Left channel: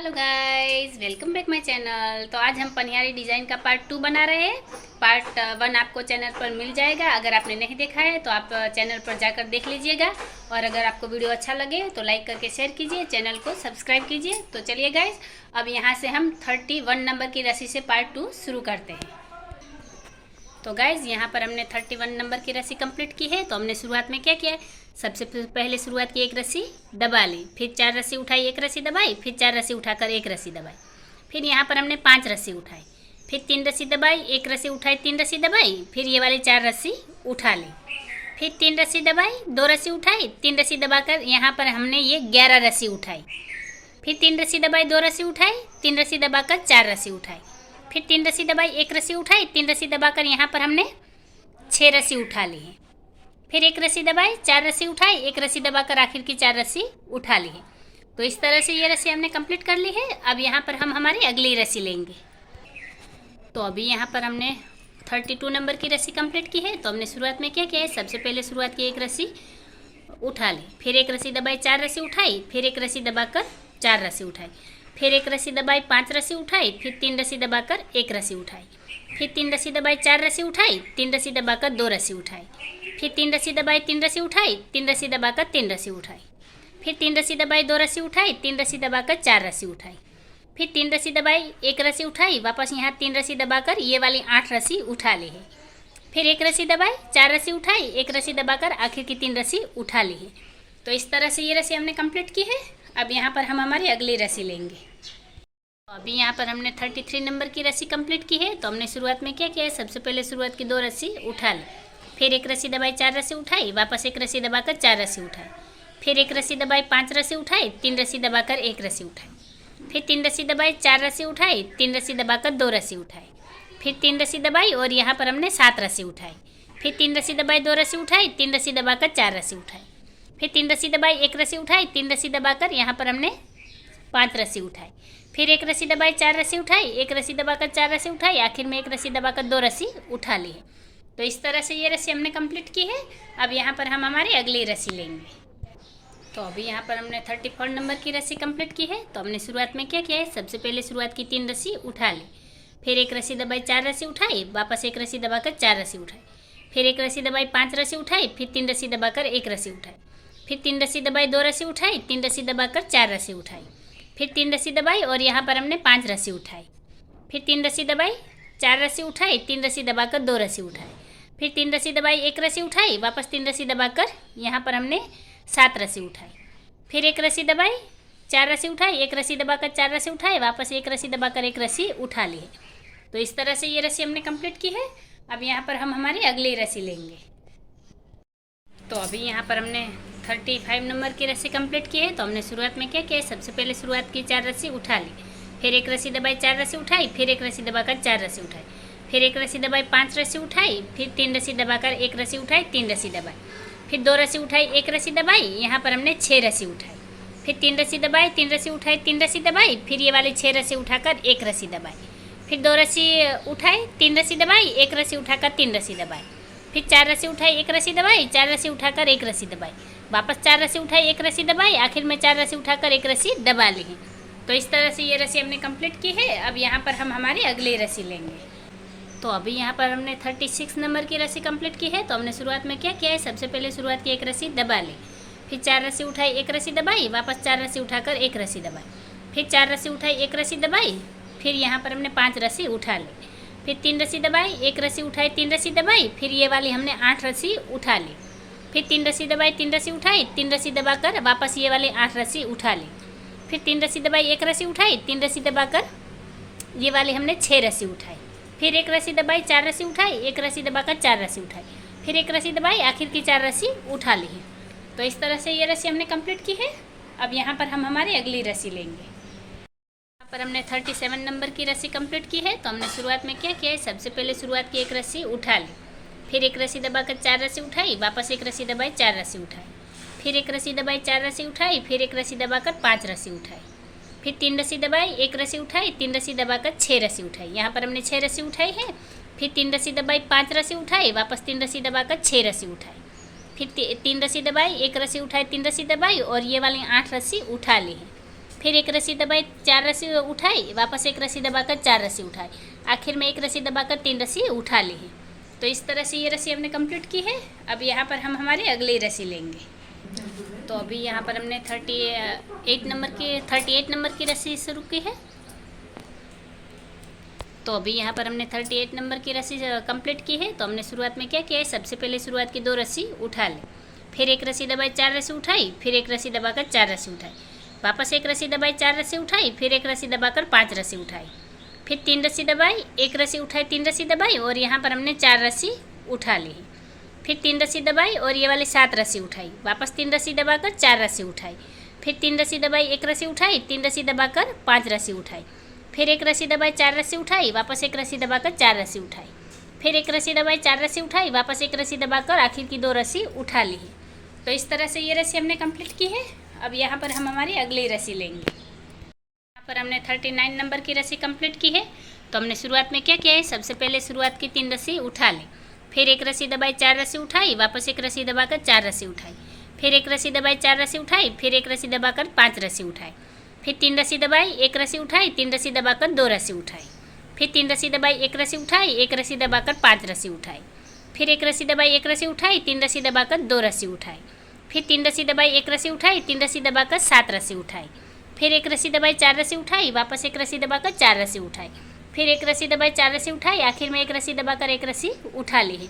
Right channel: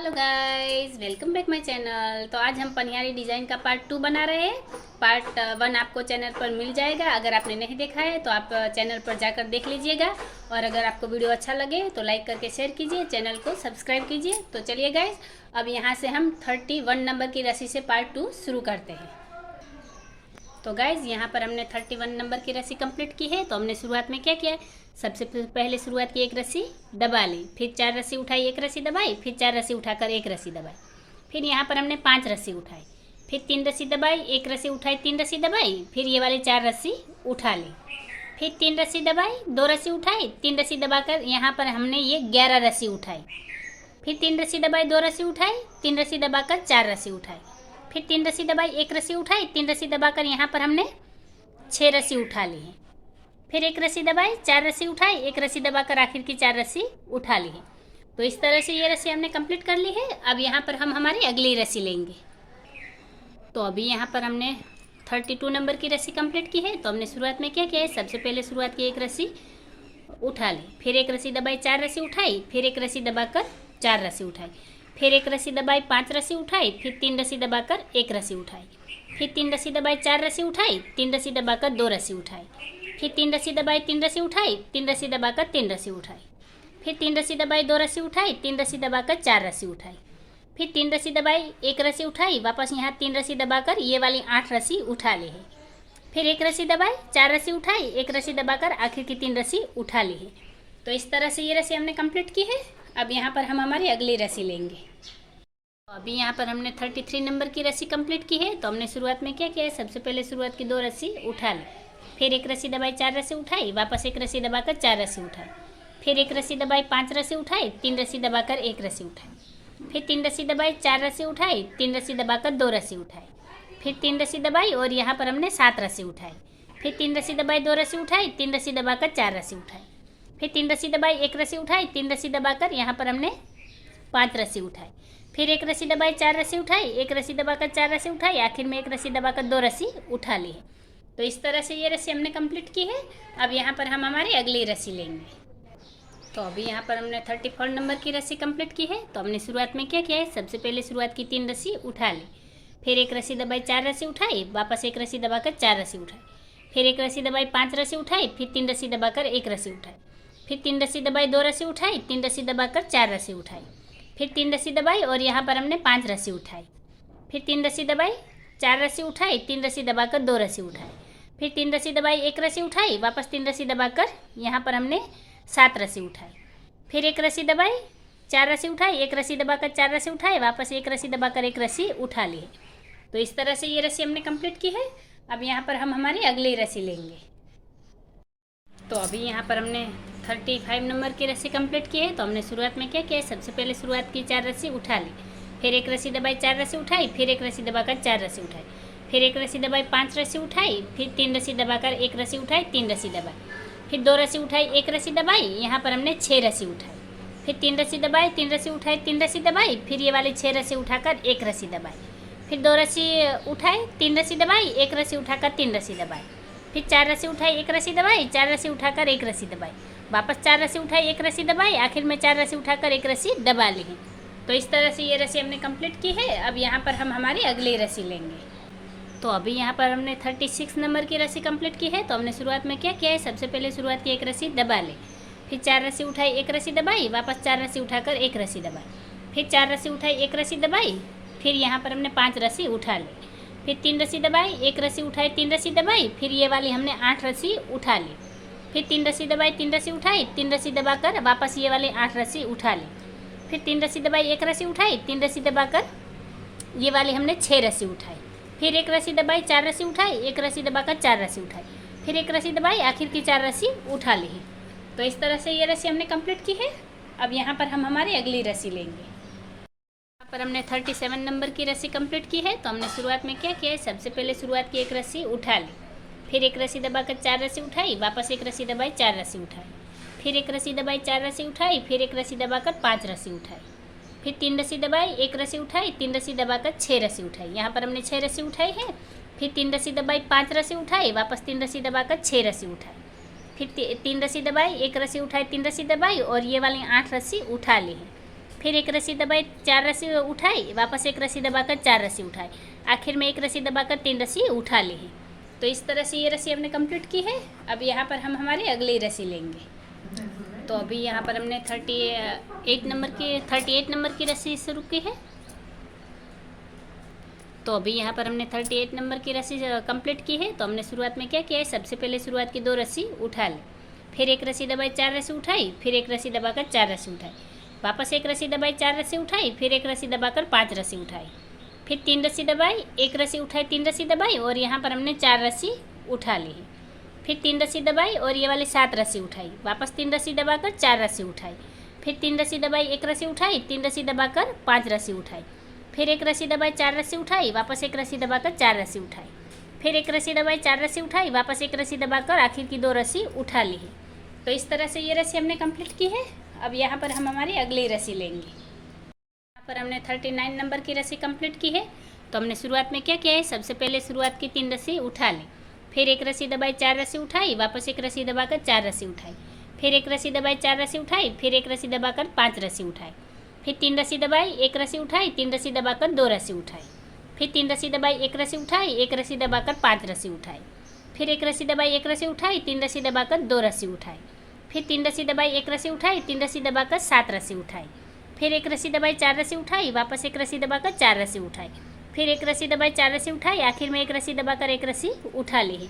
Hello guys, welcome back my channel. तो आज हम पनियारी डिज़ाइन का पार्ट 2 बना रहे हैं। पार्ट 1 आपको चैनल पर मिल जाएगा। अगर आपने नहीं देखा है तो आप चैनल पर जाकर देख लीजिएगा। और अगर आपको वीडियो अच्छा लगे तो लाइक करके शेयर कीजिए, चैनल को सब्सक्राइब कीजिए। तो चलिए गाइस, अब यहाँ से हम 31 नंबर की रस्सी से पार्ट 2 शुरू करते हैं। तो गाइज़, यहाँ पर हमने 31 नंबर की रस्सी कंप्लीट की है। तो हमने शुरुआत में क्या किया है, सबसे पहले शुरुआत की एक रस्सी दबा ली, फिर 4 रस्सी उठाई, एक रस्सी दबाई, फिर 4 रस्सी उठाकर एक रस्सी दबाई। फिर यहाँ पर हमने 5 रस्सी उठाई, फिर 3 रस्सी दबाई, एक रस्सी उठाई, 3 रस्सी दबाई, फिर ये वाली 4 रस्सी उठा ली, फिर 3 रस्सी दबाई, 2 रस्सी उठाई, 3 रस्सी दबाकर यहाँ पर हमने ये 11 रस्सी उठाई। फिर 3 रस्सी दबाई, 2 रस्सी उठाई, 3 रस्सी दबाकर 4 रस्सी उठाई, फिर 3 रस्सी दबाई, एक रस्सी उठाई, 3 रस्सी दबाकर यहाँ पर हमने 6 रस्सी उठा ली है। फिर एक रस्सी दबाई, 4 रस्सी उठाई, एक रस्सी दबाकर आखिर की 4 रस्सी उठा ली है। तो इस तरह से ये रस्सी हमने कंप्लीट कर ली है। अब यहाँ पर हम हमारी अगली रस्सी लेंगे। तो अभी यहाँ पर हमने 32 नंबर की रस्सी कंप्लीट की है। तो हमने शुरुआत में क्या किया है, सबसे पहले शुरुआत की एक रस्सी उठा ली, फिर एक रस्सी दबाई, 4 रस्सी उठाई, फिर एक रस्सी दबाकर 4 रस्सी उठाई, फिर एक रस्सी दबाई, 5 रस्सी उठाई, फिर 3 रस्सी दबाकर एक रस्सी उठाई, फिर 3 रस्सी दबाई, 4 रस्सी उठाई, 3 रस्सी दबाकर 2 रस्सी उठाई, फिर 3 रस्सी दबाई, 3 रस्सी उठाई, 3 रस्सी दबाकर 3 रस्सी उठाई, फिर 3 रस्सी दबाई, 2 रस्सी उठाई, 3 रस्सी दबाकर 4 रस्सी उठाई, फिर 3 रस्सी दबाई, एक रस्सी उठाई, वापस यहाँ 3 रस्सी दबाकर ये वाली 8 रस्सी उठा ली है। फिर एक रस्सी दबाई, 4 रस्सी उठाई, एक रस्सी दबाकर आखिर की 3 रस्सी उठा ली है। तो इस तरह से ये रस्सी हमने कंप्लीट की है। अब यहाँ पर हम हमारी अगली रस्सी लेंगे। तो अभी यहाँ पर हमने 33 नंबर की रस्सी कंप्लीट की है। तो हमने शुरुआत में क्या किया है, सबसे पहले शुरुआत की 2 रस्सी उठा ली, फिर एक रस्सी दबाई, 4 रस्सी उठाई, वापस एक रस्सी दबाकर 4 रस्सी उठाई, फिर एक रस्सी दबाई, 5 रस्सी उठाई, 3 रस्सी दबाकर एक रस्सी उठाई, फिर 3 रस्सी दबाई, 4 रस्सी उठाई, 3 रस्सी दबाकर 2 रस्सी उठाई, फिर 3 रस्सी दबाई और यहाँ पर हमने 7 रस्सी उठाई, फिर 3 रस्सी दबाई, 2 रस्सी उठाई, 3 रस्सी दबाकर 4 रस्सी उठाई, फिर 3 रस्सी दबाई, एक रस्सी उठाई, 3 रस्सी दबाकर यहाँ पर हमने 5 रस्सी उठाई, फिर एक रस्सी दबाई, 4 रस्सी उठाई, एक रस्सी दबाकर 4 रस्सी उठाई, आखिर में एक रस्सी दबाकर 2 रस्सी उठा ली है। तो इस तरह से ये रस्सी हमने कंप्लीट की है। अब यहाँ पर हम हमारी अगली रस्सी लेंगे। तो अभी यहाँ पर हमने 34 नंबर की रस्सी कंप्लीट की है। तो हमने शुरुआत में क्या किया है, सबसे पहले शुरुआत की 3 रस्सी उठा ली, फिर एक रस्सी दबाई, 4 रस्सी उठाई, वापस एक रस्सी दबाकर 4 रस्सी उठाई, फिर एक रस्सी दबाई, 5 रस्सी उठाई, फिर 3 रस्सी दबाकर एक रस्सी उठाई, फिर 3 रस्सी दबाई, 2 रस्सी उठाई, 3 रस्सी दबाकर 4 रस्सी उठाई, फिर 3 रस्सी दबाई और यहाँ पर हमने 5 रस्सी उठाई, फिर 3 रस्सी दबाई, 4 रस्सी उठाई, 3 रस्सी दबाकर 2 रस्सी उठाई, फिर 3 रस्सी दबाई, एक रस्सी उठाई, वापस 3 रस्सी दबाकर यहाँ पर हमने 7 रस्सी उठाई, फिर एक रस्सी दबाई, 4 रस्सी उठाई, एक रस्सी दबाकर 4 रस्सी उठाई, वापस एक रस्सी दबाकर एक रस्सी उठा ली है। तो इस तरह से ये रस्सी हमने कंप्लीट की है। अब यहाँ पर हम हमारी अगली रस्सी लेंगे। तो अभी यहाँ पर हमने 35 नंबर की रस्सी कंप्लीट की है। तो हमने शुरुआत में क्या किया, सबसे पहले शुरुआत की 4 रस्सी उठा ली, फिर एक रस्सी दबाई, 4 रस्सी उठाई, फिर एक रस्सी दबाकर 4 रस्सी उठाई, फिर एक रस्सी दबाई, 5 रस्सी उठाई, फिर 3 रस्सी दबाकर एक रस्सी उठाई, 3 रस्सी दबाई, फिर 2 रस्सी उठाई, एक रस्सी दबाई, यहाँ पर हमने 6 रस्सी उठाई, फिर 3 रस्सी दबाई, 3 रस्सी उठाई, 3 रस्सी दबाई, फिर ये वाली 6 रस्सी उठाकर एक रस्सी दबाई, फिर 2 रस्सी उठाई, 3 रस्सी दबाई, एक रस्सी उठाकर 3 रस्सी दबाई, फिर 4 रस्सी उठाई, एक रस्सी दबाई, 4 रस्सी उठाकर एक रस्सी दबाई, वापस 4 रस्सी उठाई, एक रस्सी दबाई, आखिर में 4 रस्सी उठाकर एक रस्सी दबा ली है। तो इस तरह से ये रस्सी हमने कंप्लीट की है। अब यहाँ पर हम हमारी अगली रस्सी लेंगे। तो अभी यहाँ पर हमने 36 नंबर की रस्सी कंप्लीट की है। तो हमने शुरुआत में क्या किया है, सबसे पहले शुरुआत की एक रस्सी दबा ली, फिर 4 रस्सी उठाई, एक रस्सी दबाई, वापस 4 रस्सी उठाकर एक रस्सी दबाई, फिर 4 रस्सी उठाई, एक रस्सी दबाई, फिर यहाँ पर हमने 5 रस्सी उठा ली, फिर 3 रस्सी दबाई, एक रस्सी उठाई, 3 रस्सी दबाई, फिर ये वाली हमने 8 रस्सी उठा ली, फिर 3 रस्सी दबाई, 3 रस्सी उठाई, 3 रस्सी दबाकर वापस ये वाली 8 रस्सी उठा ली, फिर 3 रस्सी दबाई, एक रस्सी उठाई, 3 रस्सी दबाकर ये वाली हमने 6 रस्सी उठाई, फिर एक रस्सी दबाई, 4 रस्सी उठाई, एक रस्सी दबाकर 4 रस्सी उठाई, फिर एक रस्सी दबाई, आखिर की 4 रस्सी उठा ली है। तो इस तरह से ये रस्सी हमने कंप्लीट की है। अब यहाँ पर हम हमारी अगली रस्सी लेंगे। यहाँ पर हमने 37 नंबर की रस्सी कंप्लीट की है। तो हमने शुरुआत में क्या किया है, सबसे पहले शुरुआत की एक रस्सी उठा ली, फिर एक रस्सी दबाकर 4 रस्सी उठाई, वापस एक रस्सी दबाई, 4 रस्सी उठाई, फिर एक रस्सी दबाई, 4 रस्सी उठाई, फिर एक रस्सी दबाकर 5 रस्सी उठाई, फिर 3 रस्सी दबाई, एक रस्सी उठाई, 3 रस्सी दबाकर 6 रस्सी उठाई, यहाँ पर हमने 6 रस्सी उठाई है, फिर 3 रस्सी दबाई, 5 रस्सी उठाई, वापस 3 रस्सी दबाकर 6 रस्सी उठाई, फिर 3 रस्सी दबाई, एक रस्सी उठाई, 3 रस्सी दबाई और ये वाली 8 रस्सी उठा ली है। फिर एक रस्सी दबाई, 4 रस्सी उठाई, वापस एक रस्सी दबाकर 4 रस्सी उठाई, आखिर में एक रस्सी दबाकर 3 रस्सी उठा ली। तो इस तरह से ये रस्सी हमने कंप्लीट की है। अब यहाँ पर हम हमारी अगली रस्सी लेंगे। तो अभी यहाँ पर हमने 38 नंबर की रस्सी शुरू की है। तो अभी यहाँ पर हमने 38 नंबर की रस्सी कंप्लीट की है। तो हमने शुरुआत में क्या किया है, सबसे पहले शुरुआत की 2 रस्सी उठा ली, फिर एक रस्सी दबाई, 4 रस्सी उठाई, फिर एक रस्सी दबाकर 4 रस्सी उठाई, वापस एक रस्सी दबाई, 4 रस्सी उठाई, फिर एक रस्सी दबाकर 5 रस्सी उठाई, फिर 3 रस्सी दबाई, एक रस्सी उठाई, 3 रस्सी दबाई और यहाँ पर हमने 4 रस्सी उठा ली। फिर 3 रस्सी दबाई और ये वाली 7 रस्सी उठाई, वापस 3 रस्सी दबाकर 4 रस्सी उठाई, फिर 3 रस्सी दबाई, एक रस्सी उठाई, 3 रस्सी दबाकर 5 रस्सी उठाई, फिर एक रस्सी दबाई, 4 रस्सी उठाई, वापस एक रस्सी दबाकर 4 रस्सी उठाई, फिर एक रस्सी दबाई, 4 रस्सी उठाई, वापस एक रस्सी दबाकर आखिर की 2 रस्सी उठा ली। तो इस तरह से ये रस्सी हमने कंप्लीट की है। अब यहाँ पर हम हमारी अगली रस्सी लेंगे। यहाँ पर हमने 39 नंबर की रस्सी कंप्लीट की है। तो हमने शुरुआत में क्या किया है, सबसे पहले शुरुआत की 3 रस्सी उठा ली, फिर एक रस्सी दबाई, 4 रस्सी उठाई, वापस एक रस्सी दबाकर 4 रस्सी उठाई, फिर एक रस्सी दबाई, 4 रस्सी उठाई, फिर एक रस्सी दबाकर 5 रस्सी उठाई, फिर 3 रस्सी दबाई, एक रस्सी उठाई, 3 रस्सी दबाकर 2 रस्सी उठाई, फिर 3 रस्सी दबाई, एक रस्सी उठाई, एक रस्सी दबाकर 5 रस्सी उठाई, फिर एक रस्सी दबाई, एक रस्सी उठाई, 3 रस्सी दबाकर 2 रस्सी उठाई, फिर 3 रस्सी दबाई, एक रस्सी उठाई, 3 रस्सी दबाकर 7 रस्सी उठाई, फिर एक रस्सी दबाई, 4 रस्सी उठाई, वापस एक रस्सी दबाकर 4 रस्सी उठाई, फिर एक रस्सी दबाई, 4 रस्सी उठाई, आखिर में एक रस्सी दबाकर एक रस्सी उठा ली है।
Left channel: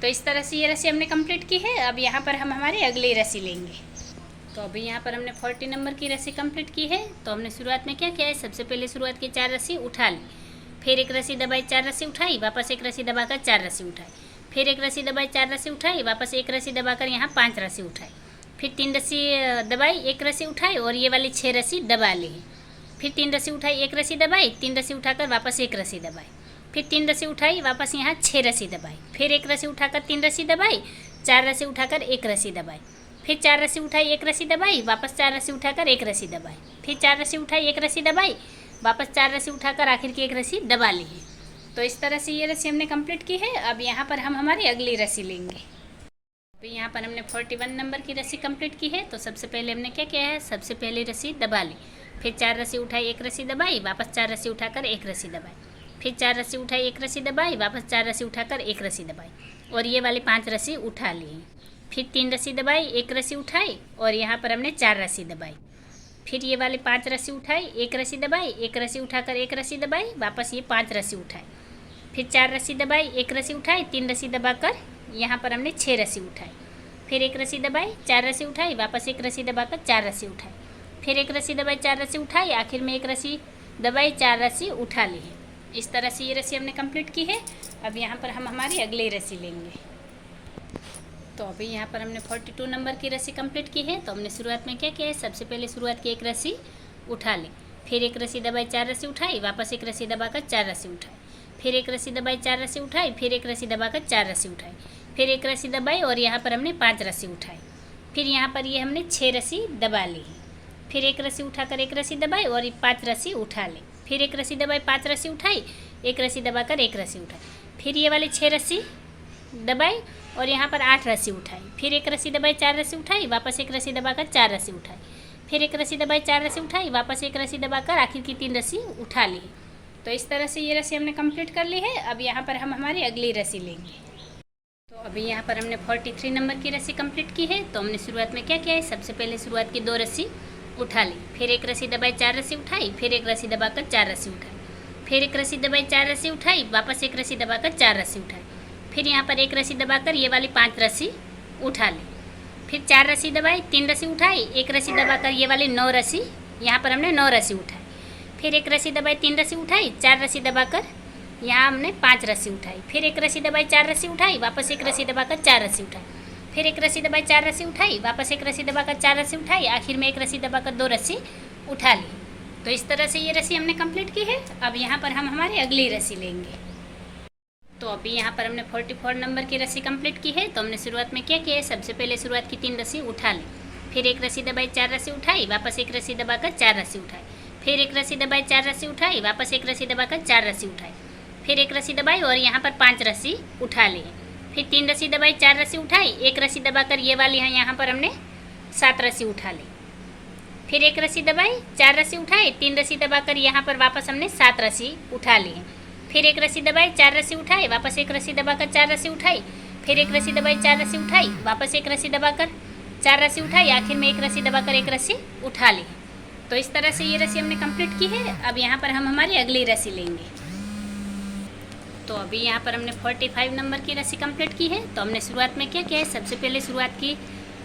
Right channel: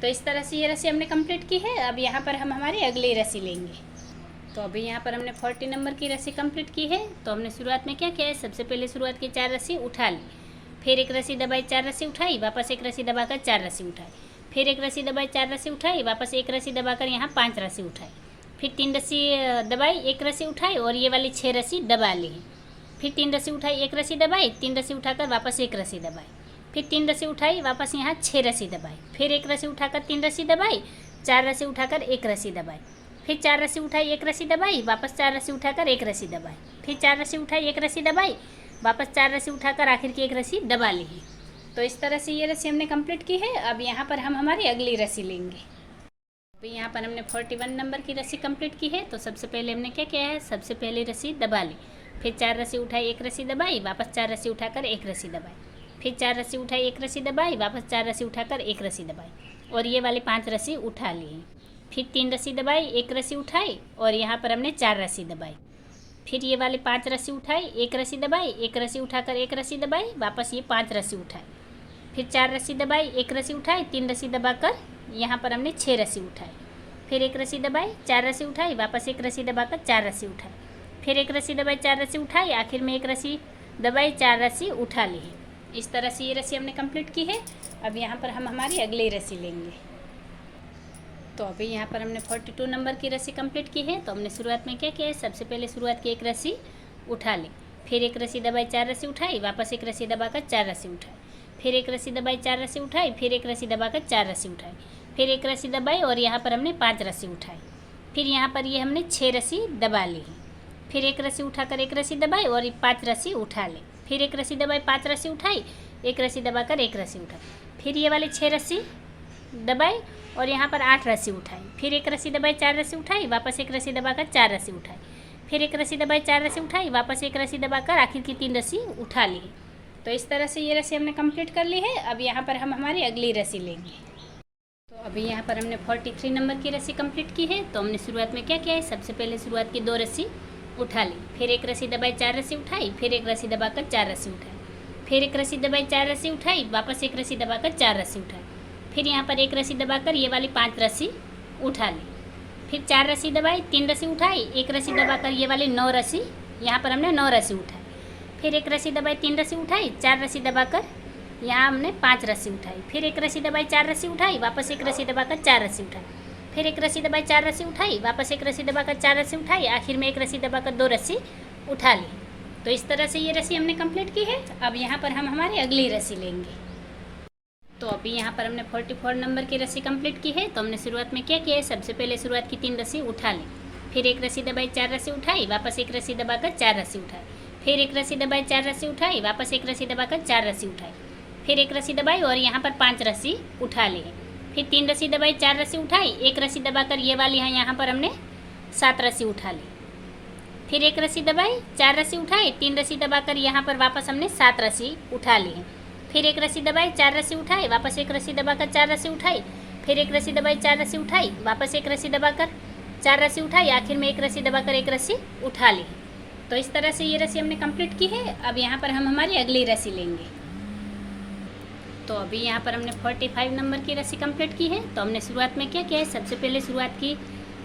तो इस तरह से ये रस्सी हमने कंप्लीट की है। अब यहाँ पर हम हमारी अगली रस्सी लेंगे। तो अभी यहाँ पर हमने 40 नंबर की रस्सी कंप्लीट की है। तो हमने शुरुआत में क्या किया है, सबसे पहले शुरुआत की 4 रस्सी उठा ली, फिर एक रस्सी दबाई, 4 रस्सी उठाई, वापस एक रस्सी दबाकर 4 रस्सी उठाई, फिर एक रस्सी दबाई, 4 रस्सी उठाई, वापस एक रस्सी दबाकर यहाँ 5 रस्सी उठाई, फिर 3 रस्सी दबाई, एक रस्सी उठाई और ये वाली 6 रस्सी दबा ली, फिर 3 रस्सी उठाई, एक रस्सी दबाई, 3 रस्सी उठाकर वापस एक रस्सी दबाई, फिर 3 रस्सी उठाई, वापस यहाँ 6 रस्सी दबाई, फिर एक रस्सी उठाकर 3 रस्सी दबाई, 4 रस्सी उठाकर एक रस्सी दबाई, फिर 4 रस्सी उठाई, एक रस्सी दबाई, वापस 4 रस्सी उठाकर एक रस्सी दबाई, फिर 4 रस्सी उठाई, एक रस्सी दबाई, वापस 4 रस्सी उठाकर आखिर की एक रस्सी दबा ली। तो इस तरह से ये रस्सी हमने कंप्लीट की है। अब यहाँ पर हम हमारी अगली रस्सी लेंगे। अभी यहाँ पर हमने 41 नंबर की रस्सी कंप्लीट की है। तो सबसे पहले हमने क्या किया है, सबसे पहले रस्सी दबा ली, फिर 4 रस्सी उठाई, एक रस्सी दबाई, वापस 4 रस्सी उठाकर एक रस्सी दबाई, फिर 4 रस्सी उठाई, एक रस्सी दबाई, वापस 4 रस्सी उठाकर एक रस्सी दबाई और ये वाली 5 रस्सी उठा ली, फिर 3 रस्सी दबाई, एक रस्सी उठाई और यहाँ पर हमने 4 रस्सी दबाई, फिर ये वाले 5 रस्सी उठाई, एक रस्सी दबाई, एक रस्सी उठाकर एक रस्सी दबाई, वापस ये 5 रस्सी उठाई, फिर 4 रस्सी दबाई, एक रस्सी उठाई, 3 रस्सी दबाकर यहाँ पर हमने 6 रस्सी उठाई, फिर एक रस्सी दबाई, 4 रस्सी उठाई, वापस एक रस्सी दबाकर 4 रस्सी उठाई, फिर एक रस्सी दबाई, 4 रस्सी उठाई, आखिर में एक रस्सी दबाई, 4 रस्सी उठा ली। इस तरह से ये रस्सी हमने कंप्लीट की है। अब यहाँ पर हम हमारी अगली रस्सी लेंगे। तो अभी यहाँ पर हमने 42 नंबर की रस्सी कंप्लीट की है। तो हमने शुरुआत में क्या किया है, सबसे पहले शुरुआत की एक रस्सी उठा ली, फिर एक रस्सी दबाई, 4 रस्सी उठाई, वापस एक रस्सी दबाकर 4 रस्सी उठाई, फिर एक रस्सी दबाई, 4 रस्सी उठाई, फिर एक रस्सी दबाकर 4 रस्सी उठाई, फिर एक रस्सी दबाई और यहाँ पर हमने 5 रस्सी उठाई, फिर यहाँ पर ये हमने 6 रस्सी दबा ली, फिर एक रस्सी उठाकर एक रस्सी दबाई और 5 रस्सी उठा ली, फिर एक रस्सी दबाई, 5 रस्सी उठाई, एक रस्सी दबाकर एक रस्सी उठाई, फिर ये वाली 6 रस्सी दबाई और यहाँ पर 8 रस्सी उठाई, फिर एक रस्सी दबाई, 4 रस्सी उठाई, वापस एक रस्सी दबाकर 4 रस्सी उठाई, फिर एक रस्सी दबाई, 4 रस्सी उठाई, वापस एक रस्सी दबाकर आखिर की 3 रस्सी उठा ली। तो इस तरह से ये रस्सी हमने कंप्लीट कर ली है। अब यहाँ पर हम हमारी अगली रस्सी लेंगे। तो अभी यहाँ पर हमने 43 नंबर की रस्सी कंप्लीट की है। तो हमने शुरुआत में क्या किया है, सबसे पहले शुरुआत की 2 रस्सी उठा ली, फिर एक रस्सी दबाई, 4 रस्सी उठाई, फिर एक रस्सी दबाकर 4 रस्सी उठाई, फिर एक रस्सी दबाई, 4 रस्सी उठाई, वापस एक रस्सी दबाकर 4 रस्सी उठाई, फिर यहाँ पर एक रस्सी दबाकर ये वाली 5 रस्सी उठा ली, फिर 4 रस्सी दबाई, 3 रस्सी उठाई, एक रस्सी दबाकर ये वाली 9 रस्सी, यहाँ पर हमने 9 रस्सी उठाई, फिर एक रस्सी दबाई, 3 रस्सी उठाई, 4 रस्सी दबाकर यहाँ हमने 5 रस्सी उठाई, फिर एक रस्सी दबाई, 4 रस्सी उठाई, वापस एक रस्सी दबाकर 4 रस्सी उठाई, फिर एक रस्सी दबाई, 4 रस्सी उठाई, वापस एक रस्सी दबाकर 4 रस्सी उठाई, आखिर में एक रस्सी दबाकर 2 रस्सी उठा ली। तो इस तरह से ये रस्सी हमने कंप्लीट की है। अब यहाँ पर हम हमारी अगली रस्सी लेंगे। तो अभी यहाँ पर हमने 44 नंबर की रस्सी कंप्लीट की है। तो हमने शुरुआत में क्या किया है, सबसे पहले शुरुआत की 3 रस्सी उठा ली, फिर एक रस्सी दबाई, 4 रस्सी उठाई, वापस एक रस्सी दबाकर 4 रस्सी उठाई, फिर एक रस्सी दबाई, 4 रस्सी उठाई, वापस एक रस्सी दबाकर 4 रस्सी उठाई, फिर एक रस्सी दबाई और यहाँ पर 5 रस्सी उठा ली है, फिर 3 रस्सी दबाई, 4 रस्सी उठाई, एक रस्सी दबाकर ये वाली यहाँ पर हमने 7 रस्सी उठा ली, फिर एक रस्सी दबाई, 4 रस्सी उठाई, 3 रस्सी दबाकर यहाँ पर वापस हमने 7 रस्सी उठा ली है। फिर एक रस्सी दबाई, 4 रस्सी उठाई, वापस एक रस्सी दबाकर 4 रस्सी उठाई, फिर एक रस्सी दबाई, 4 रस्सी उठाई, वापस एक रस्सी दबाकर 4 रस्सी उठाई, आखिर में एक रस्सी दबाकर एक रस्सी उठा ली। तो इस तरह से ये रस्सी हमने कंप्लीट की है। अब यहाँ पर हम हमारी अगली रस्सी लेंगे। तो अभी यहाँ पर हमने 45 नंबर की रस्सी कंप्लीट की है। तो हमने शुरुआत में क्या किया है, सबसे पहले शुरुआत की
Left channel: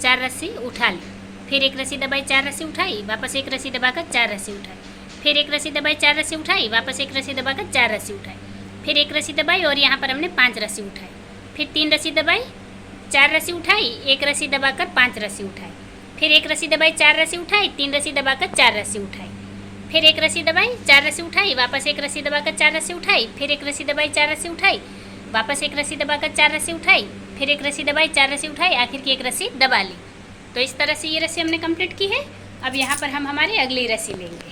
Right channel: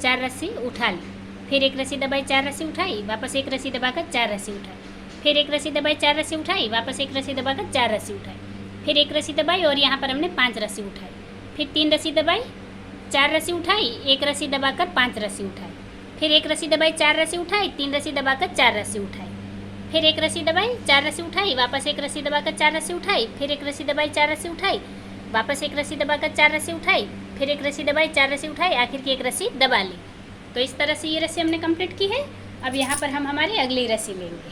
4 रस्सी उठा ली, फिर एक रस्सी दबाई, 4 रस्सी उठाई, वापस एक रस्सी दबाकर 4 रस्सी उठाई, फिर एक रस्सी दबाई, 4 रस्सी उठाई, वापस एक रस्सी दबाकर 4 रस्सी उठाई, फिर एक रस्सी दबाई और यहाँ पर हमने 5 रस्सी उठाई, फिर 3 रस्सी दबाई, 4 रस्सी उठाई, एक रस्सी दबाकर 5 रस्सी उठाई, फिर एक रस्सी दबाई, 4 रस्सी उठाई, 3 रस्सी दबाकर 4 रस्सी उठाई, फिर एक रस्सी दबाई, 4 रस्सी उठाई, वापस एक रस्सी दबाकर 4 रस्सी उठाई, फिर एक रस्सी दबाई, 4 रस्सी उठाई, वापस एक रस्सी दबाकर 4 रस्सी उठाई, फिर एक रस्सी दबाई, 4 रस्सी उठाई, आखिर की एक रस्सी दबा ली। तो इस तरह से ये रस्सी हमने कंप्लीट की है। अब यहाँ पर हम हमारी अगली रस्सी लेंगे।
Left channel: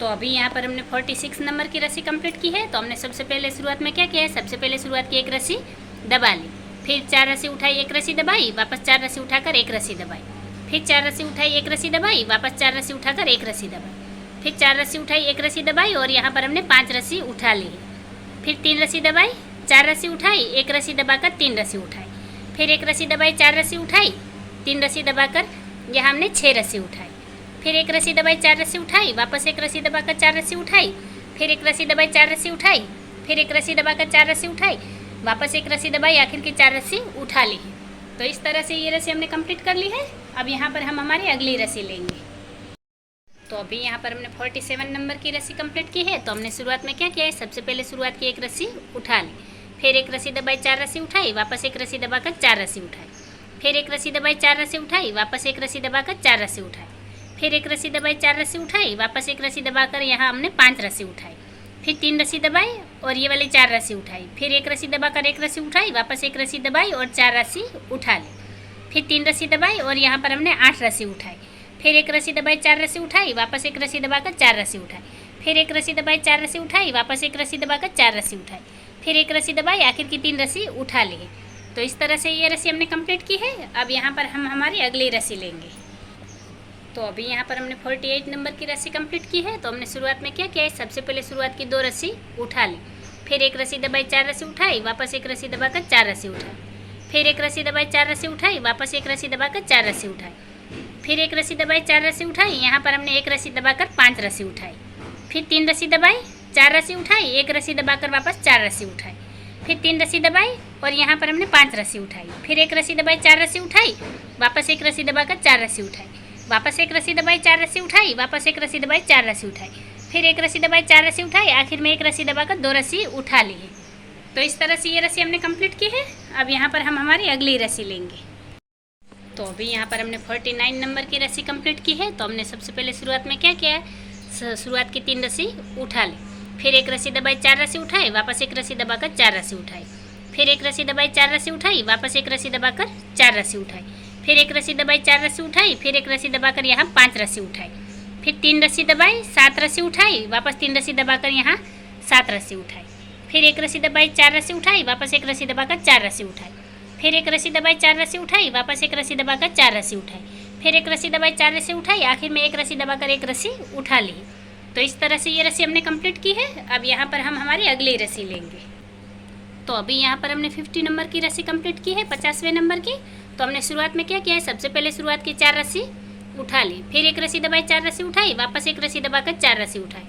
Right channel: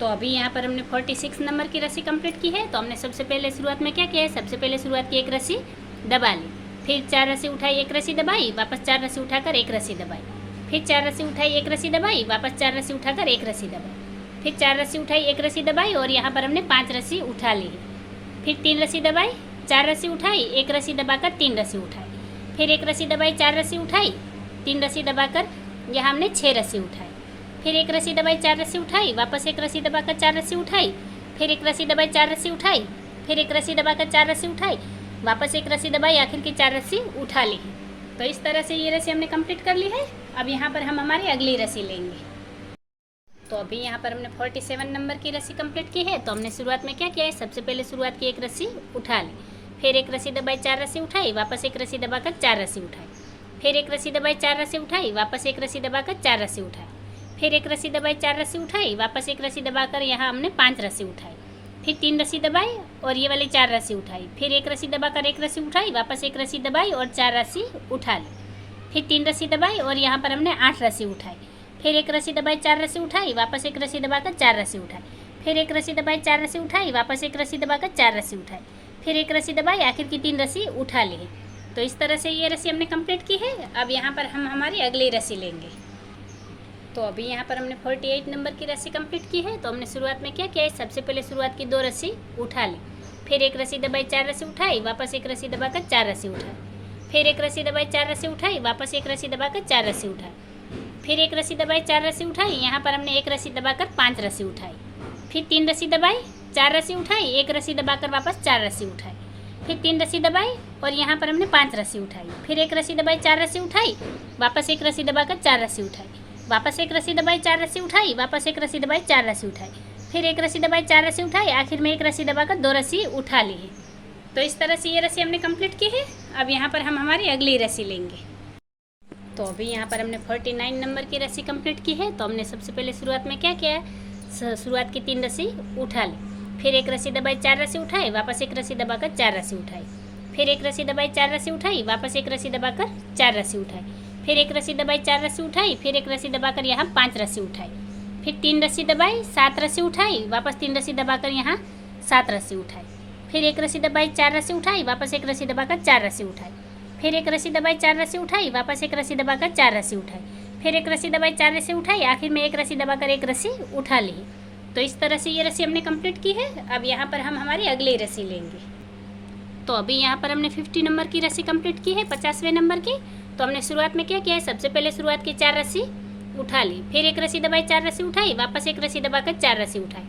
तो अभी यहाँ पर हमने 46 नंबर की रस्सी कंप्लीट की है। तो हमने सबसे पहले शुरुआत में क्या किया है, सबसे पहले शुरुआत की एक रस्सी दबा ली, फिर 4 रस्सी उठाई, एक रस्सी दबाई, वापस 4 रस्सी उठाकर एक रस्सी दबाई, फिर 4 रस्सी उठाई, एक रस्सी दबाई, वापस 4 रस्सी उठाकर एक रस्सी दबाई, फिर 4 रस्सी उठाई, एक रस्सी दबाई और यहाँ पर हमने 5 रस्सी उठा ली है, फिर 3 रस्सी दबाई, 4 रस्सी उठाई, एक रस्सी दबाकर 3 रस्सी उठाई, फिर एक रस्सी दबाई, 4 रस्सी उठाई, 3 रस्सी दबाकर यहाँ हमने 6 रस्सी उठाई, फिर एक रस्सी दबाई, 4 रस्सी उठाई, वापस एक रस्सी दबाकर 4 रस्सी उठाई, फिर एक रस्सी दबाई, 4 रस्सी उठाई, फिर एक रस्सी दबाकर 4 रस्सी उठाई, वापस एक रस्सी दबाई, आखिर की 4 रस्सी उठा ली। तो इस तरह से ये रस्सी हमने कंप्लीट कर ली है। अब यहाँ पर हम हमारी अगली रस्सी लेंगे। तो अभी यहाँ पर हमने 47 नंबर की रस्सी कंप्लीट की है। तो हमने शुरुआत में क्या किया है, सबसे पहले शुरुआत की एक रस्सी उठा ली, फिर एक रस्सी दबाई, 4 रस्सी उठाई, वापस एक रस्सी दबाकर 4 रस्सी उठाई, फिर एक रस्सी दबाई, 4 रस्सी उठाई, वापस एक रस्सी दबाकर 4 रस्सी उठाई, फिर एक रस्सी दबाई, 4 रस्सी उठाई, वापस एक रस्सी दबाकर यहाँ हमने 5 रस्सी उठाई, फिर 3 रस्सी दबाई और ये वाली 4 रस्सी उठाई, फिर एक रस्सी दबाकर एक रस्सी उठाई, वापस एक रस्सी दबाई और 4 रस्सी उठा ली, फिर 3 रस्सी दबाई और यहाँ पर हमने 8 रस्सी उठाई, फिर एक रस्सी दबाई, 4 रस्सी उठाई, वापस एक रस्सी दबाकर 4 रस्सी उठाई, फिर एक रस्सी दबाई, 4 रस्सी उठाई, वापस एक रस्सी दबाकर 4 रस्सी उठाई, फिर एक रस्सी दबाई, आखिर की 3 रस्सी उठा ली। तो इस तरह से ये रस्सी हमने कंप्लीट की है। अब यहाँ पर हम हमारी अगली रस्सी लेंगे। तो अभी यहाँ पर हमने 48 नंबर की रस्सी कंप्लीट की है। तो हमने शुरुआत में क्या किया है, सबसे पहले शुरुआत की 2 रस्सी उठा ली, फिर एक रस्सी दबाई, 4 रस्सी उठाई, वापस एक रस्सी दबाकर 4 रस्सी उठाई, फिर एक रस्सी दबाई, 4 रस्सी उठाई, वापस एक रस्सी दबाकर 4 रस्सी उठाई, फिर एक रस्सी दबाई, 4 रस्सी उठाई, यहाँ पर हमने एक रस्सी दबाकर 5 रस्सी उठाई, फिर 3 रस्सी दबाई, 4 रस्सी उठाई, एक रस्सी दबाकर वापस 4 रस्सी उठाई, फिर 3 रस्सी दबाई और यहाँ पर हमने 5 रस्सी उठाई, फिर एक रस्सी दबाई, 4 रस्सी उठाई, वापस एक रस्सी दबाकर 4 रस्सी उठाई, वापस एक रस्सी दबाई, 4 रस्सी उठाई, वापस एक रस्सी दबाई, 4 रस्सी उठाई, फिर एक रस्सी दबाई, 4 रस्सी उठाई, आखिर में एक रस्सी दबाकर 2 रस्सी उठा ली है। तो इस तरह से ये रस्सी हमने कंप्लीट की है। अब यहाँ पर हम हमारी अगली रस्सी लेंगे। तो अभी यहाँ पर हमने 49 नंबर की रस्सी कंप्लीट की है। तो हमने सबसे पहले शुरुआत में क्या किया है, शुरुआत की 3 रस्सी उठा ली, फिर एक रस्सी दबाई, 4 रस्सी उठाई, वापस एक रस्सी दबाकर 4 रस्सी उठाई, फिर एक रस्सी दबाई, 4 रस्सी उठाई, वापस एक रस्सी दबाकर 4 रस्सी उठाई, फिर एक रस्सी दबाई, 4 रस्सी उठाई, फिर एक रस्सी दबाकर यहाँ 5 रस्सी उठाई, फिर 3 रस्सी दबाई, 7 रस्सी उठाई, वापस 3 रस्सी दबाकर यहाँ 7 रस्सी उठाई, फिर एक रस्सी दबाई, 4 रस्सी उठाई, वापस एक रस्सी दबाकर 4 रस्सी उठाई, फिर एक रस्सी दबाई, 4 रस्सी उठाई, वापस एक रस्सी दबाकर 4 रस्सी उठाई, फिर एक रस्सी दबाई, 4 रस्सी उठाई, आखिर में एक रस्सी दबाकर एक रस्सी उठा ली। तो इस तरह से ये रस्सी हमने कंप्लीट की है। अब यहाँ पर हम हमारी अगली रस्सी लेंगे। तो अभी यहाँ पर हमने 50 नंबर की रस्सी कंप्लीट की है, 50वें नंबर की। तो हमने शुरुआत में क्या किया है, सबसे पहले शुरुआत की 4 रस्सी उठा ली, फिर एक रस्सी दबाई, 4 रस्सी उठाई, वापस एक रस्सी दबाकर 4 रस्सी उठाई,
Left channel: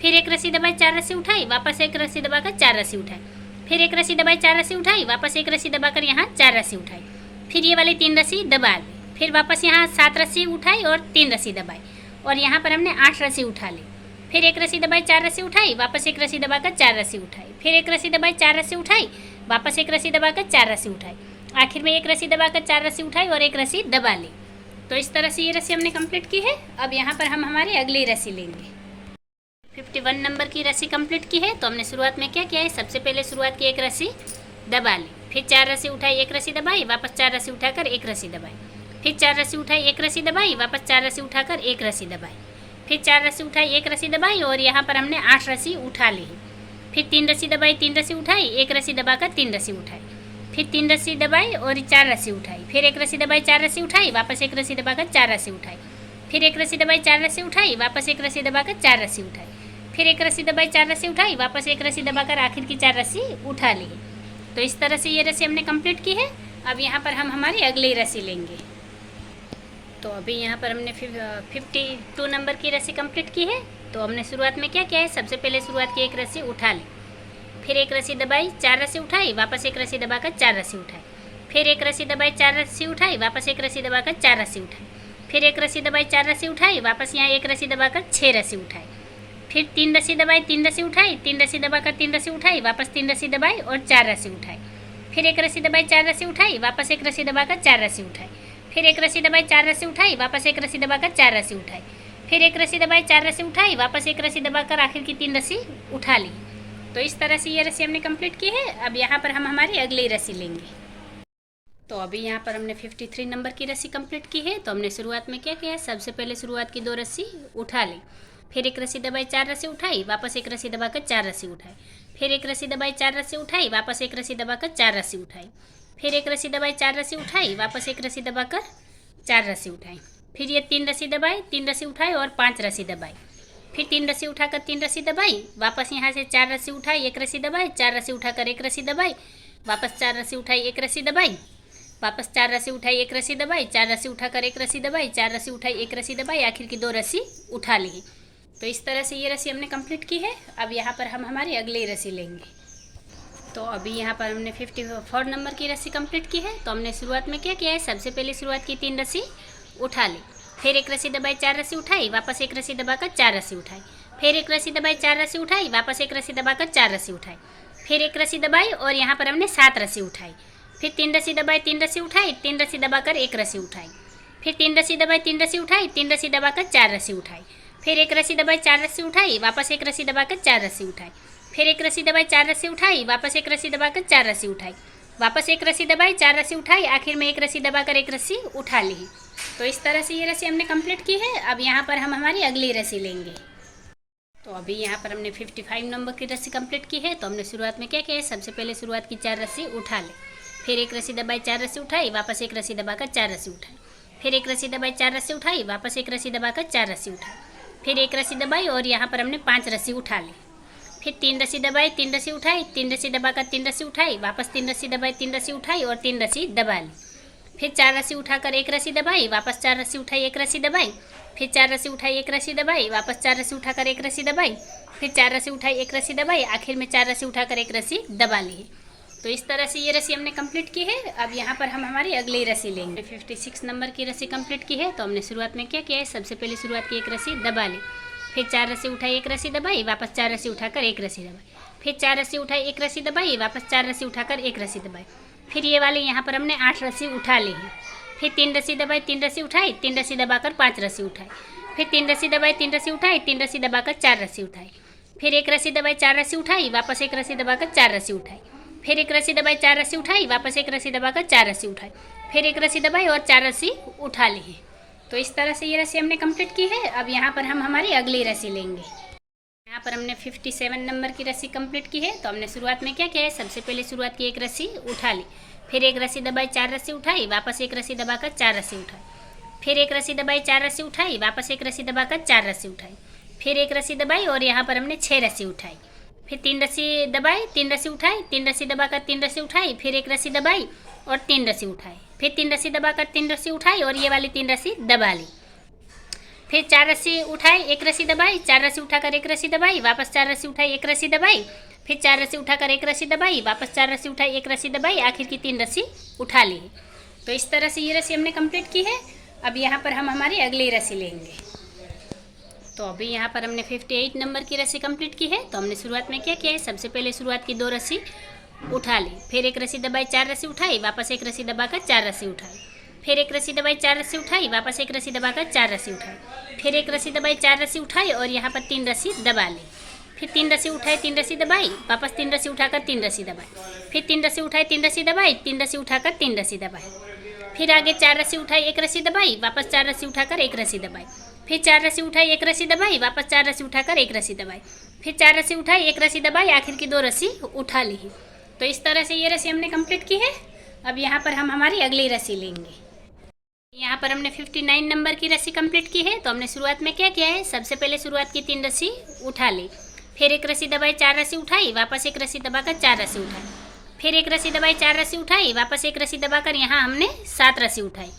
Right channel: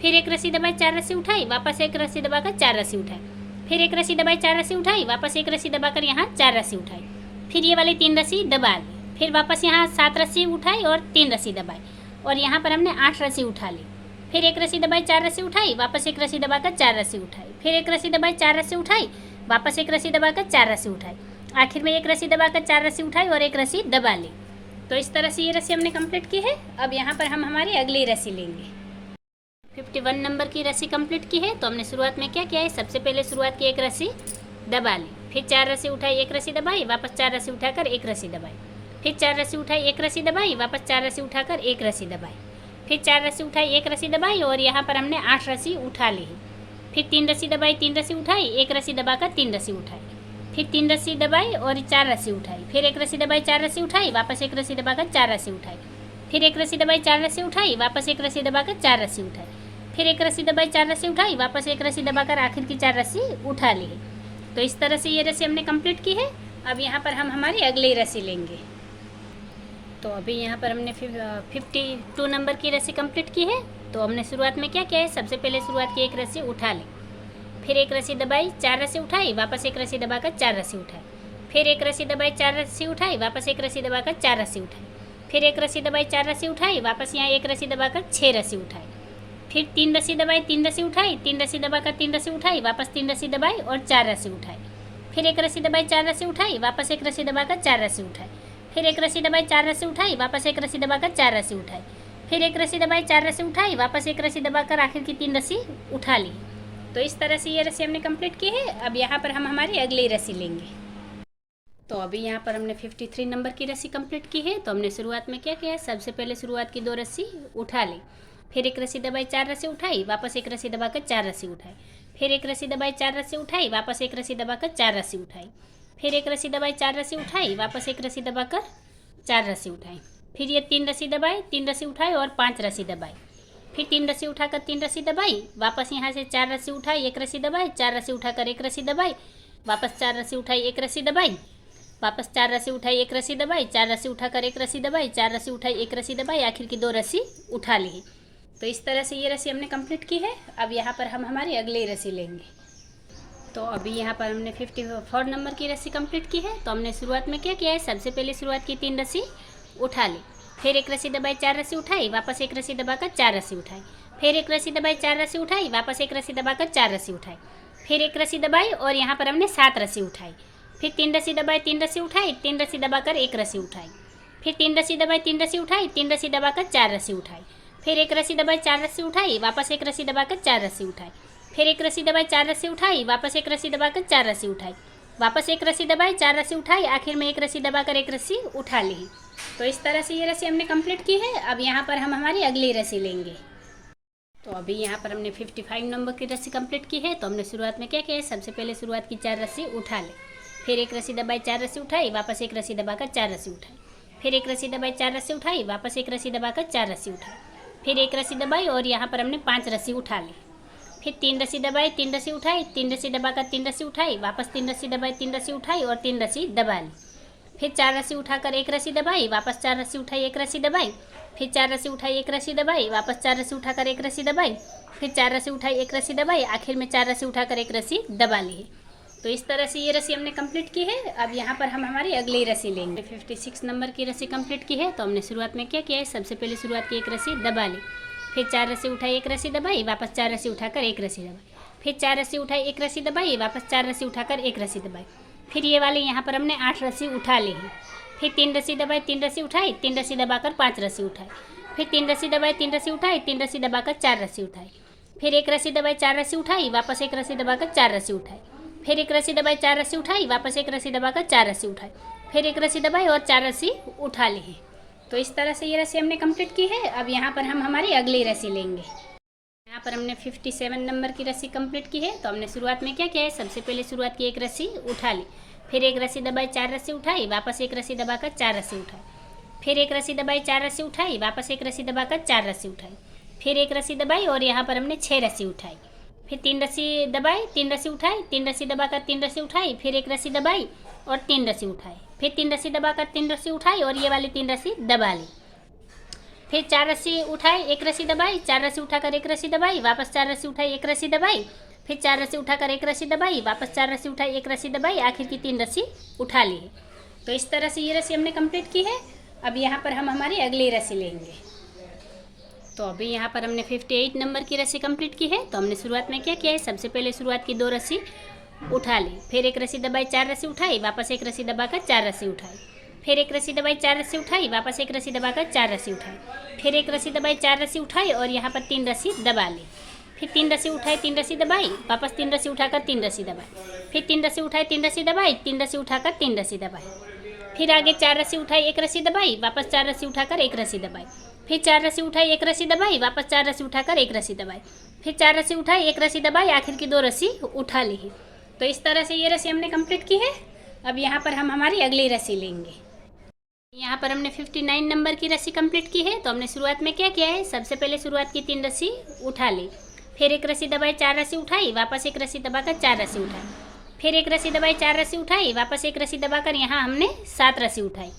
फिर एक रस्सी दबाई, 4 रस्सी उठाई, वापस एक रस्सी दबाकर 4 रस्सी उठाई, फिर एक रस्सी दबाई, 4 रस्सी उठाई, वापस एक रस्सी दबाकर यहाँ 4 रस्सी उठाई, फिर ये वाली 3 रस्सी दबा ली, फिर वापस यहाँ 7 रस्सी उठाई और 3 रस्सी दबाई और यहाँ पर हमने 8 रस्सी उठा ली, फिर एक रस्सी दबाई, 4 रस्सी उठाई, वापस एक रस्सी दबाकर 4 रस्सी उठाई, फिर एक रस्सी दबाई, 4 रस्सी उठाई, वापस एक रस्सी दबाकर 4 रस्सी उठाई, आखिर में एक रस्सी दबाकर 4 रस्सी उठाई और एक रस्सी दबा ली। तो इस तरह से ये रस्सी हमने कंप्लीट की है। अब यहाँ पर हम हमारी अगली रस्सी लेंगे। 51 नंबर की रस्सी कंप्लीट की है। तो हमने शुरुआत में क्या किया है, सबसे पहले शुरुआत की एक रस्सी दबा ली, फिर 4 रस्सी उठाई, एक रस्सी दबाई, वापस 4 रस्सी उठाकर एक रस्सी दबाई, फिर 4 रस्सी उठाई, एक रस्सी दबाई, वापस 4 रस्सी उठाकर एक रस्सी दबाई, फिर 4 रस्सी उठाई, एक रस्सी दबाई और यहाँ पर हमने 8 रस्सी उठा ली है, फिर 3 रस्सी दबाई, 3 रस्सी उठाई, एक रस्सी दबाकर 3 रस्सी उठाई, फिर 3 रस्सी दबाई और 4 रस्सी उठाई, फिर एक रस्सी दबाई, 4 रस्सी उठाई, वापस एक रस्सी दबाकर 4 रस्सी उठाई, फिर एक रस्सी दबाई, 4 रस्सी उठाई, वापस एक रस्सी दबाकर 4 रस्सी उठाई, फिर एक रस्सी दबाई, 4 रस्सी उठाई, वापस एक रस्सी दबाकर आखिर की 4 रस्सी उठा ली। तो इस तरह से ये रस्सी हमने कंप्लीट की है। अब यहाँ पर हम हमारी अगली रस्सी लेंगे। तो अभी यहाँ पर हमने 52 नंबर की रस्सी कंप्लीट की है। तो हमने शुरुआत में क्या किया है, सबसे पहले शुरुआत की एक रस्सी उठा ली, फिर एक रस्सी दबाई, 4 रस्सी उठाई, वापस एक रस्सी दबाकर 4 रस्सी उठाई, फिर एक रस्सी दबाई, 4 रस्सी उठाई, वापस एक रस्सी दबाकर 4 रस्सी उठाई, फिर एक रस्सी दबाई, 4 रस्सी उठाई, वापस यहाँ एक रस्सी दबाकर 6 रस्सी उठाई, फिर 3 रस्सी दबाई, 3 रस्सी उठाई, 3 रस्सी दबाकर 3 रस्सी उठाई, वापस 3 रस्सी दबाई और 4 रस्सी उठाई, फिर एक रस्सी दबाई, 4 रस्सी उठाई, वापस एक रस्सी दबाकर 4 रस्सी उठाई, फिर एक रस्सी दबाई, 4 रस्सी उठाई, वापस एक रस्सी दबाकर 4 रस्सी उठाई, फिर एक रस्सी दबाई, 4 रस्सी उठाई, वापस एक रस्सी दबाकर आखिर की 3 रस्सी उठा ली। तो इस तरह से ये रस्सी हमने कंप्लीट की है। अब यहाँ पर हम हमारी अगली रस्सी लेंगे। तो अभी यहाँ पर हमने 53 नंबर की रस्सी कंप्लीट की है। तो हमने शुरुआत में क्या किया है, सबसे पहले शुरुआत की 2 रस्सी उठा ली, फिर एक रस्सी दबाई, 4 रस्सी उठाई, वापस एक रस्सी दबाकर 4 रस्सी उठाई, फिर एक रस्सी दबाई, 4 रस्सी उठाई, वापस एक रस्सी दबाकर 4 रस्सी उठाई, फिर एक रस्सी दबाई, 4 रस्सी उठाई, वापस एक रस्सी दबाकर 4 रस्सी उठाई, फिर ये 3 रस्सी दबाई, 3 रस्सी उठाई और 5 रस्सी दबाई, फिर 3 रस्सी उठाकर 3 रस्सी दबाई, वापस यहाँ से 4 रस्सी उठाई, 1 रस्सी दबाई, 4 रस्सी उठाकर 1 रस्सी दबाई, वापस 4 रस्सी उठाई, 1 रस्सी दबाई, वापस 4 रस्सी उठाई, 1 रस्सी दबाई, 4 रस्सी उठाकर 1 रस्सी दबाई, 4 रस्सी उठाई, 1 रस्सी दबाई, आखिर की 2 रस्सी उठा ली। तो इस तरह से ये रस्सी हमने कंप्लीट की है। अब यहाँ पर हम हमारी अगली रस्सी लेंगे। तो अभी यहाँ पर हमने 54 नंबर की रस्सी कंप्लीट की है। तो हमने शुरुआत में क्या किया है, सबसे पहले शुरुआत की 3 रस्सी उठा ली, फिर एक रस्सी दबाई, 4 रस्सी उठाई, वापस एक रस्सी दबाकर 4 रस्सी उठाई, फिर एक रस्सी दबाई, 4 रस्सी उठाई, वापस एक रस्सी दबाकर 4 रस्सी उठाई, फिर एक रस्सी दबाई और यहाँ पर हमने 7 रस्सी उठाई, फिर 3 रस्सी दबाई, 3 रस्सी उठाई, 3 रस्सी दबाकर 1 रस्सी उठाई, फिर 3 रस्सी दबाई, 3 रस्सी उठाई, 3 रस्सी दबाकर 4 रस्सी उठाई, फिर एक रस्सी दबाई, 4 रस्सी उठाई, वापस एक रस्सी दबाकर 4 रस्सी उठाई, फिर एक रस्सी दबाई, 4 रस्सी उठाई, वापस एक रस्सी दबाकर 4 रस्सी उठाई, वापस एक रस्सी दबाई, 4 रस्सी उठाई, आखिर में एक रस्सी दबाकर 1 रस्सी उठा ली। तो इस तरह से ये रस्सी हमने कंप्लीट की है। अब यहाँ पर हम हमारी अगली रस्सी लेंगे। तो अभी यहाँ पर हमने 55 नंबर की रस्सी कंप्लीट की है। तो हमने शुरुआत में क्या किया है, सबसे पहले शुरुआत की 4 रस्सी उठा ले, फिर एक रस्सी दबाई, 4 रस्सी उठाई, वापस एक रस्सी दबाकर 4 रस्सी उठाई, फिर एक रस्सी दबाई, 4 रस्सी उठाई, वापस एक रस्सी दबाकर 4 रस्सी उठाई, फिर एक रस्सी दबाई और यहाँ पर हमने 5 रस्सी उठा ली, फिर 3 रस्सी दबाई, 3 रस्सी उठाई, 3 रस्सी दबाकर 3 रस्सी उठाई, वापस 3 रस्सी दबाई, 3 रस्सी उठाई और 3 रस्सी दबा ली, फिर 4 रस्सी उठाकर 1 रस्सी दबाई, वापस 4 रस्सी उठाई, 1 रस्सी दबाई, फिर 4 रस्सी उठाई, 1 रस्सी दबाई, वापस 4 रस्सी उठाकर 1 रस्सी दबाई, फिर 4 रस्सी उठाई, 1 रस्सी दबाई, आखिर में 4 रस्सी उठाकर 1 रस्सी दबा ली। तो इस तरह से ये रस्सी हमने कंप्लीट की है। अब यहाँ पर हम हमारी अगली रस्सी लेंगे। 56 नंबर की रस्सी कंप्लीट की है। तो हमने शुरुआत में क्या किया है, सबसे पहले शुरुआत की 1 रस्सी दबा ली, फिर 4 रस्सी उठाई, 1 रस्सी दबाई, वापस 4 रस्सी उठाकर 1 रस्सी दबाई, फिर 4 रस्सी उठाई, 1 रस्सी दबाई, वापस 4 रस्सी उठाकर 1 रस्सी दबाई, फिर ये वाली यहाँ पर हमने 8 रस्सी उठा ली है, फिर 3 रस्सी दबाई, 3 रस्सी उठाई, 3 रस्सी दबाकर 5 रस्सी उठाई, फिर 3 रस्सी दबाई, 3 रस्सी उठाई, 3 रस्सी दबाकर 4 रस्सी उठाई, फिर 1 रस्सी दबाई, 4 रस्सी उठाई, वापस 1 रस्सी दबाकर 4 रस्सी उठाई, फिर 1 रस्सी दबाई, 4 रस्सी उठाई, वापस 1 रस्सी दबाकर 4 रस्सी उठाई, फिर 1 रस्सी दबाई और 4 रस्सी उठा ली है। तो इस तरह से ये रस्सी हमने कंप्लीट की है। अब यहाँ पर हम हमारी अगली रस्सी लेंगे। यहाँ पर हमने 57 नंबर की रस्सी कंप्लीट की है। तो हमने शुरुआत में क्या किया है, सबसे पहले शुरुआत की 1 रस्सी उठा ली, फिर 1 रस्सी दबाई, 4 रस्सी उठाई, वापस 1 रस्सी दबाकर 4 रस्सी उठाई, फिर 1 रस्सी दबाई, 4 रस्सी उठाई, वापस 1 रस्सी दबाकर 4 रस्सी उठाई, फिर 1 रस्सी दबाई और यहाँ पर हमने 6 रस्सी उठाई, फिर 3 रस्सी दबाई, 3 रस्सी उठाई, 3 रस्सी दबाकर 3 रस्सी उठाई, फिर 1 रस्सी दबाई और 3 रस्सी उठाई, फिर 3 रस्सी दबाकर 3 रस्सी उठाई और ये वाली 3 रस्सी दबा ली, फिर 4 रस्सी उठाई, 1 रस्सी दबाई, 4 रस्सी उठाकर 1 रस्सी दबाई, वापस 4 रस्सी उठाई, 1 रस्सी दबाई, फिर 4 रस्सी उठाकर 1 रस्सी दबाई, वापस 4 रस्सी उठाई, 1 रस्सी दबाई, आखिर की 3 रस्सी उठा ली। तो इस तरह से ये रस्सी हमने कंप्लीट की है। अब यहाँ पर हम हमारी अगली रस्सी लेंगे। तो अभी यहाँ पर हमने 58 नंबर की रस्सी कंप्लीट की है। तो हमने शुरुआत में क्या किया है, सबसे पहले शुरुआत की 2 रस्सी उठा ली, फिर 1 रस्सी दबाई, 4 रस्सी उठाई, वापस 1 रस्सी दबाकर 4 रस्सी उठाई, फिर 1 रस्सी दबाई, 4 रस्सी उठाई, वापस 1 रस्सी दबाकर 4 रस्सी उठाई, फिर 1 रस्सी दबाई, 4 रस्सी उठाई और यहाँ पर 3 रस्सी दबा ली, फिर 3 रस्सी उठाई, 3 रस्सी दबाई, वापस 3 रस्सी उठाकर 3 रस्सी दबाई, फिर 3 रस्सी उठाई, 3 रस्सी दबाई, 3 रस्सी उठाकर 3 रस्सी दबाई, फिर आगे 4 रस्सी उठाई, 1 रस्सी दबाई, वापस 4 रस्सी उठाकर 1 रस्सी दबाई, फिर 4 रस्सी उठाई, 1 रस्सी दबाई, वापस 4 रस्सी उठाकर 1 रस्सी दबाई, फिर 4 रस्सी उठाई, 1 रस्सी दबाई, आखिर की 2 रस्सी उठा ली। तो इस तरह से ये रस्सी हमने कंप्लीट की है। अब यहाँ पर हम हमारी अगली रस्सी लेंगे। यहाँ पर हमने 59 नंबर की रस्सी कंप्लीट की है। तो हमने शुरुआत में क्या किया है, सबसे पहले शुरुआत की 3 रस्सी उठा ली, फिर एक रस्सी दबाई, 4 रस्सी उठाई, वापस एक रस्सी दबाकर 4 रस्सी उठाई, फिर एक रस्सी दबाई, 4 रस्सी उठाई, वापस एक रस्सी दबाकर यहाँ हमने 7 रस्सी उठाई,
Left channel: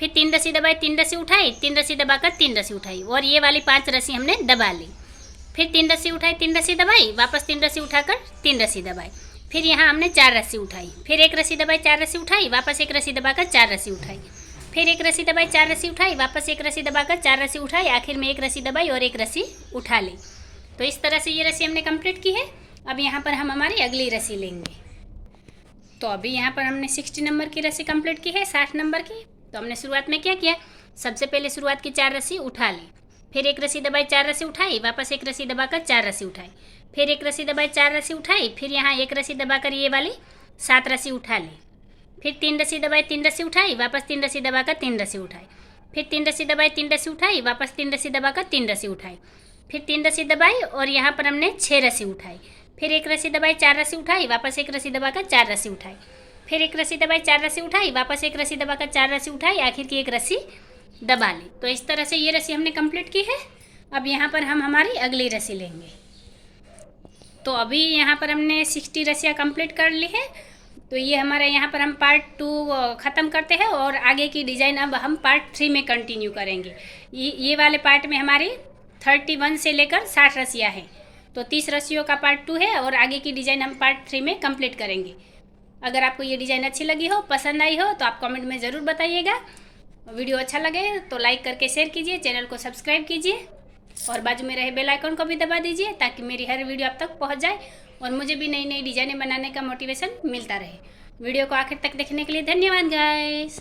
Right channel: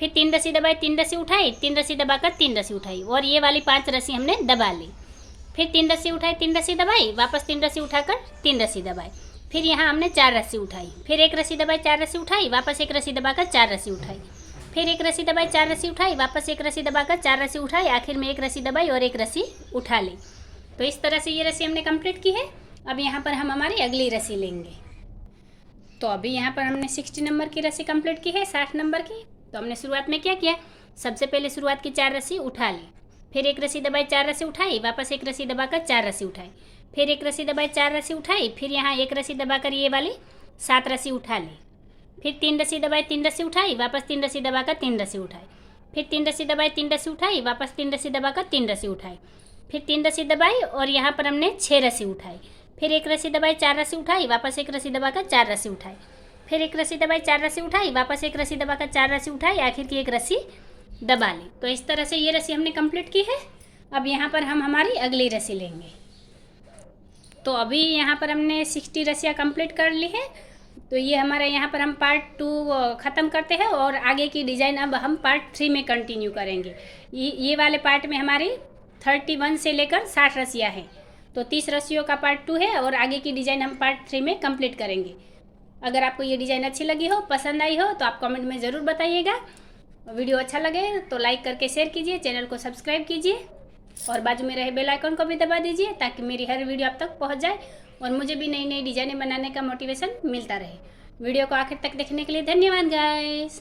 फिर 3 रस्सी दबाई, 3 रस्सी उठाई, 3 रस्सी दबाकर 3 रस्सी उठाई, और ये वाली 5 रस्सी हमने दबा ली, फिर 3 रस्सी उठाई, 3 रस्सी दबाई, वापस 3 रस्सी उठाकर 3 रस्सी दबाई, फिर यहाँ हमने 4 रस्सी उठाई, फिर एक रस्सी दबाई, 4 रस्सी उठाई, वापस एक रस्सी दबाकर 4 रस्सी उठाई, फिर एक रस्सी दबाई, 4 रस्सी उठाई, वापस एक रस्सी दबाकर 4 रस्सी उठाई, आखिर में एक रस्सी दबाई और एक रस्सी उठा ली। तो इस तरह से ये रस्सी हमने कंप्लीट की है। अब यहाँ पर हम हमारी अगली रस्सी लेंगे। तो अभी यहाँ पर हमने 60 नंबर की रस्सी कंप्लीट की है, 60 नंबर की। तो हमने शुरुआत में क्या किया, सबसे पहले शुरुआत की 4 रस्सी उठा ली, फिर एक रस्सी दबाई, 4 रस्सी उठाई, वापस एक रस्सी दबाकर 4 रस्सी उठाई, फिर एक रस्सी दबाई, 4 रस्सी उठाई, फिर यहाँ एक रस्सी दबाकर ये वाली 7 रस्सी उठा ली, फिर 3 रस्सी दबाई, 3 रस्सी उठाई, वापस 3 रस्सी दबाकर 3 रस्सी उठाई, फिर 3 रस्सी दबाई, 3 रस्सी उठाई, वापस 3 रस्सी दबाकर 3 रस्सी उठाई, फिर 3 रस्सी दबाई और यहाँ पर हमने 6 रस्सी उठाई, फिर एक रस्सी दबाई, 4 रस्सी उठाई, वापस एक रस्सी दबाकर 4 रस्सी उठाई, फिर एक रस्सी दबाई, 4 रस्सी उठाई, वापस एक रस्सी दबाकर 4 रस्सी उठाई, आखिर की एक रस्सी दबा ली। तो इस तरह से ये रस्सी हमने कंप्लीट की है। अब यहाँ पर हम हमारी अगली रस्सी लेंगे। तो अभी यहाँ पर हमने 60 रस्सियाँ कंप्लीट कर ली है। तो ये हमारा यहाँ पर हम पार्ट 2 ख़त्म करते हैं और आगे की डिज़ाइन अब हम पार्ट 3 में कंटिन्यू करेंगे। ये वाले पार्ट में हमारी 31 से लेकर 60 रस्सियाँ हैं। तो 30 रस्सियों का पार्ट 2 है और आगे की डिज़ाइन हम पार्ट 3 में कंप्लीट करेंगे। अगर आपको ये डिज़ाइन अच्छी लगी हो, पसंद आई हो, तो आप कमेंट में ज़रूर बताइएगा। वीडियो अच्छा लगे तो लाइक करके शेयर कीजिए, चैनल को सब्सक्राइब कीजिए और बाजू में रहे बेल आइकन को भी दबा दीजिए ताकि मेरी हर वीडियो आप तक पहुंच जाए और मुझे भी नई नई डिज़ाइनें बनाने का मोटिवेशन मिलता रहे। वीडियो को आखिर तक देखने के लिए धन्यवाद गाइस।